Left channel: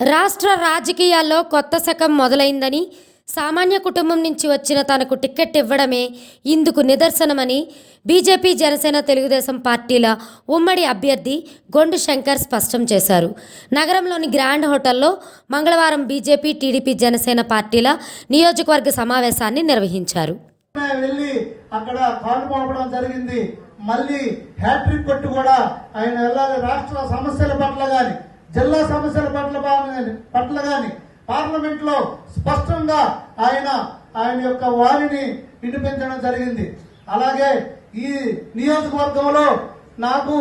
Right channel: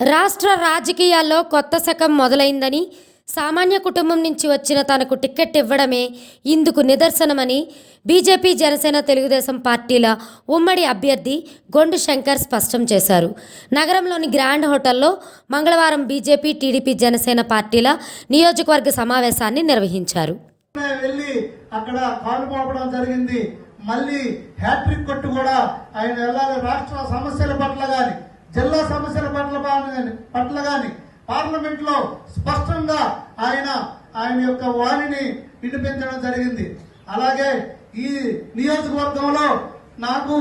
రాష్ట్ర రాజకీయాల్లో కొత్త శకం మొదలైందని సామాన్య కుటుంబం నుంచి వచ్చిన తనకు టిక్కెట్ ఇవ్వడమే ఇందుకు నిదర్శనమని బీజేపీ జనసేన తెలుగుదేశం పార్టీల ఉమ్మడి అభ్యర్థి గొండు శంకర్ స్పష్టం చేశారు. నగరంలోని గ్రాండ్ హోటల్లో మంగళవారం బీజేపీ టీడీపీ జనసేన పార్టీల నియోజకవర్గ సమావేశాన్ని నిర్వహించారు. వెళ్ళి అక్కడ పాల్పడడం జరిగింది. మళ్ళీ హ్యాట్రిక్ కొట్టు కూడా ఆయన వెళ్ళాలి. రాష్ట్ర సమస్యల పట్ల కానీ జిల్లా సమస్యల పట్ల పట్ల కానీ పార్లమెంట్లో స్పష్టంగా ఆయన ఆయన యొక్క వారిని వినిపించడం జరిగింది. అలాగే ఈ నియోజకవర్గంలో నాకు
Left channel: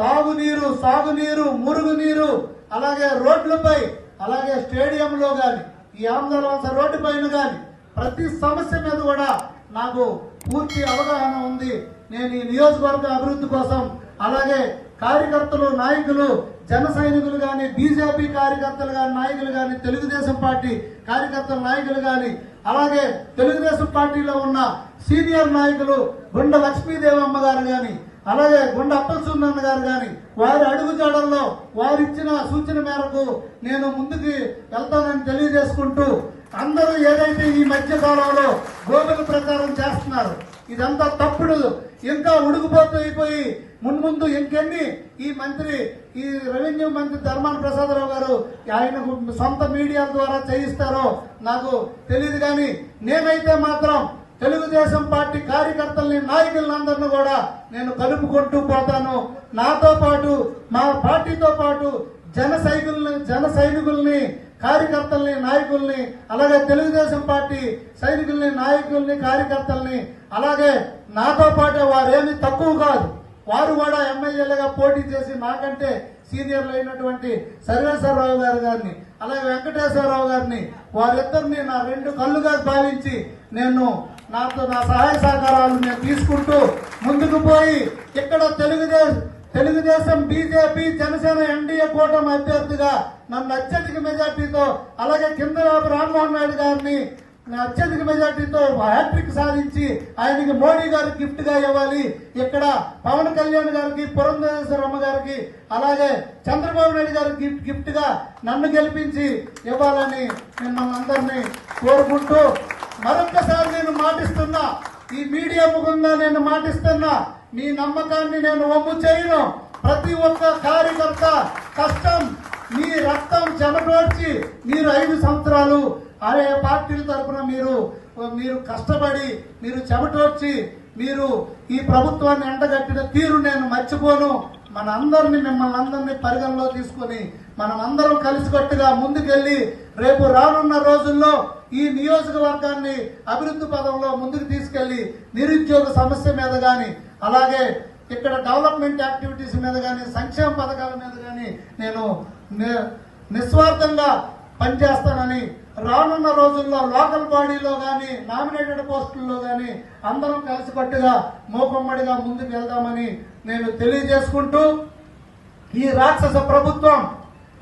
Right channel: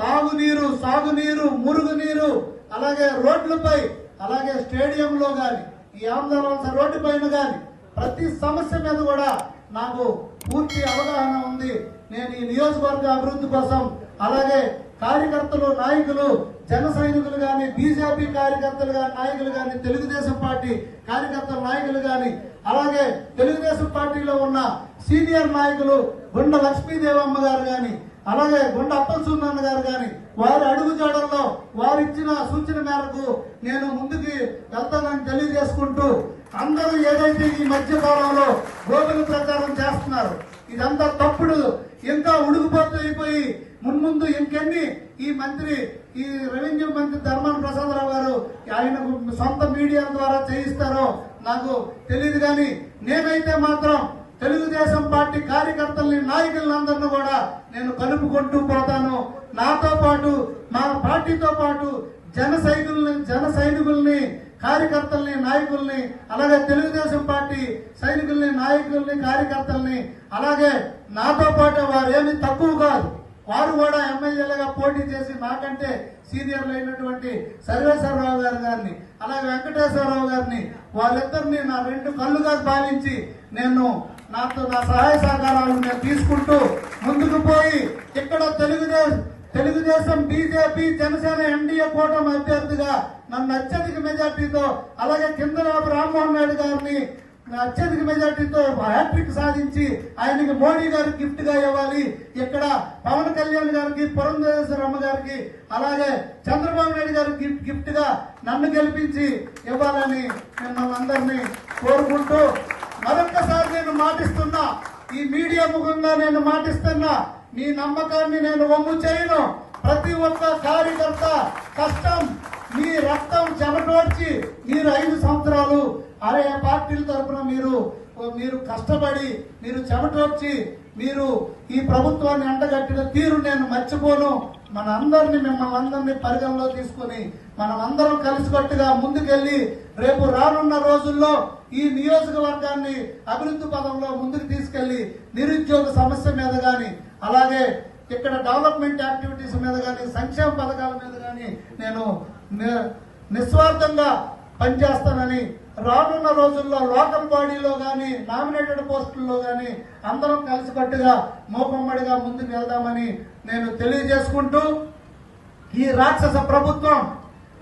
తాగునీరు సాగునీరు మురుగునీరు అలాగే రోడ్లపై అలాగే స్టేడియంలో గాని ఈ ఆంధ్రవలస రోడ్డు పైన కానీ ప్రతి సమస్య మీద కూడా నాకు పూర్తి అవగాహన ఉంది. నేను ఈ నియోజకవర్గ అభివృద్ధి కోసం అలాగే కార్యకర్తలు నాయకులు జన సైనికులు కానీ బీజేపీ కార్యకర్తలు కానీ నాయకులు కానీ తెలుగుదేశం పార్టీ కార్యకర్తల నాయకులు కానీ అలాగే తెలుగుదేశం పార్టీలో ఉన్న సీనియర్ నాయకులు గుండ లక్ష్మీదేవమ్మ గారు కానీ అలాగే గుండ అప్పలసుందన్న గారు కానీ వారి అడుగుజాడల్లో వారు ఇచ్చిన సూచన మేరకు నేను ముందుకు వెళ్తానని తెలియజేసుకుంటూ అందరూ ఏదైతే ఈ మధ్య కాలంలో గోగుల ప్రచారం చేస్తున్నారు ఇదంతా తప్పుడు. ఇంకా ఉడికిపోతూ అయిపోయి మున్ముందు ఇంకెన్ని? ఈ మంత్రి ఈ రెవెన్యూ మంత్రి ధర్మాన ప్రసాదరావు గారు ఆయన సొంత మీడియా ద్వారా చేయిస్తారో నాకు తెలియదు కానీ నేనైతే మాత్రం తెలుగుదేశం పార్టీ కార్యకర్తల్ని నాయకులను అందరినీ కూడా నేను కలుపుకుంటూ పోతాను. నాతో పాటు మా పార్టీతో పాటు జన సైనికుల్ని జన సైనికుల్ని కార్యకర్తల్ని నాయకుల్ని అలాగే తెలుగుదేశం పార్టీ సైనికుల్ని నాయకుల్ని కార్యకర్తల్ని అలాగే నాతో పాటు వారేమి తక్కువ కాదు. వారు కూడా ఎమ్మెల్యేలుగా పోటీ చేసి నాకంటే సీనియర్లు అయినటువంటి సర్వేశ్వరరావు గారు గారిని అలాగే వెంకటేశ్వరరావు గారిని వారిద్దరిని నా రెండు కళ్ళుగా భావించి నేను నాతో నా సహాయ సహకారాలు నేను తీసుకుంటూ ముందుకు పోయి ఇక్కడ తెలుగుదేశం తెలుగుదేశం బీజేపీ జనసేన ఎన్డీఏ కూటమి అభ్యర్థిగా నన్ను అత్యధిక మెజార్టీతో అలాగే కిందరాపు రామ్మోహన్ నాయుడు గారిని అత్యధిక మెజార్టీతో హ్యాట్రిక్ సాధించి ఆయనకి మోడీ గారు గిఫ్ట్గా ఇవ్వాలి. ఇక్కడ పవన్ కళ్యాణ్ గారికి పురంధేశ్వరమ్మ గారికి అలాగే చంద్రబాబు నాయుడు గారికి గిఫ్ట్గా నన్ను గెలిపించి ఇవ్వాలని మిమ్మల్ని అందరినీ కోరుకుంటూ మరొక్కసారి నేను మాటిస్తున్నా. ఈ మీడియా ముఖంగా నేను మాటిస్తున్నా. మీ నమ్మకాన్ని నేను వమ్ము చేయను ప్రతి ఒక్క కార్యకర్త కష్టం మీ రక్తం చెమటోడ్చి మీరు ఐదు సంవత్సరాలు అరే పార్టీల తరఫున మీరు మీరు కష్టపడి మీరు చెమటోడ్చి మీరు ఈ ప్రభుత్వాన్ని ఎండగట్టిన తీరు నేను మర్చిపోను. మన అందరిని మిమ్మల్ని అందరినీ పరిగణలో తీసుకొని మనం అందరం కలిసికట్టుగా ముందుకెళ్ళి రేపు రానున్న రోజుల్లో ఈ నియోజకవర్గాన్ని అభివృద్ధి పదంలో ముందుకు తీసుకెళ్ళి నిరుద్యోగ సమస్య మీద కానీ అలాగే ఇక్కడ డెవలప్మెంట్ యాక్టివిటీస్ మీద కానీ సంక్షేమ పథకాల మీద కానీ నేను నిస్వార్థంగా పనిచేస్తానని రానున్న రోజుల్లో లోకల్ బాడీలో కానీ నామినేటెడ్ పోస్టుల్లో కానీ అందరం కలిసికట్టుగా మోపమ్మడిగా ముందుకు వెళ్దామని నేను తెలియజేసుకుంటూ ఈ రాక్షస ప్రభుత్వం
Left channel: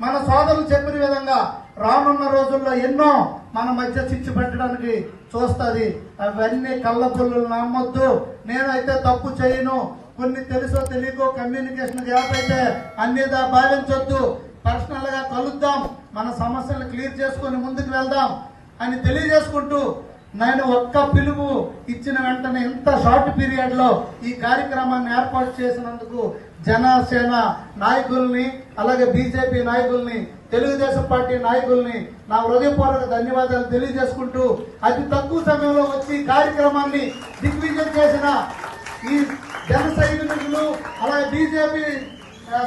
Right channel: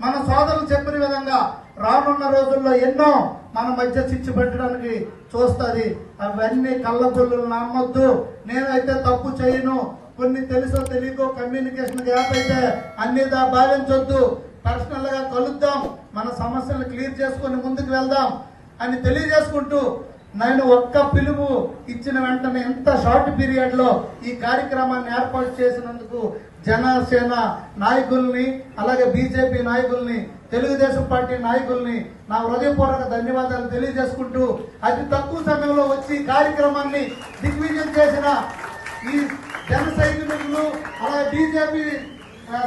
మన సోదరులు చెప్పిన విధంగా రానున్న రోజుల్లో ఎన్నో మన మధ్య చిచ్చు పెట్టడానికి చూస్తుంది. అవన్నీ కళ్ళబుల్లు నమ్మొద్దు. నేనైతే తప్పు చేయను. కొన్ని తెలుసో తెలియకో కమ్యూనికేషన్ గ్యాప్ అయితే అన్నిదా భావించొద్దు పర్సనల్గా కలుద్దాం. మన సమస్యలు క్లియర్ చేసుకొని ముందుకు వెళ్దాం అని తెలియజేసుకుంటూ నేను ఒక్క పిలుపు ఇచ్చిన వెంటనే ఇంత షార్ట్ పీరియడ్లో ఈ కార్యక్రమాన్ని ఏర్పాటు చేసినందుకు జనసేన నాయకుల్ని అలాగే బీజేపీ నాయకుల్ని తెలుగుదేశం పార్టీ నాయకుల్ని నా హృదయపూర్వక ధన్యవాదాలు తెలియజేసుకుంటూ అతి తక్కువ సమయంలో వచ్చి కార్యక్రమాన్ని దిగ్విజయం చేసిన ఈ జన సైనికులు అలాగే బీజేపీ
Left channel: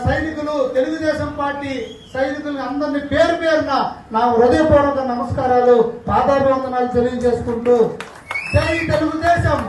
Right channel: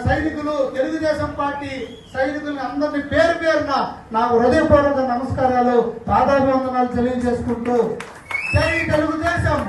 సైనికులు తెలుగుదేశం పార్టీ సైనికుల్ని అందరినీ పేరు పేరున నా హృదయపూర్వక నమస్కారాలు పాదాభివందనాలు తెలియజేసుకుంటూ జై తెలుగుదేశం!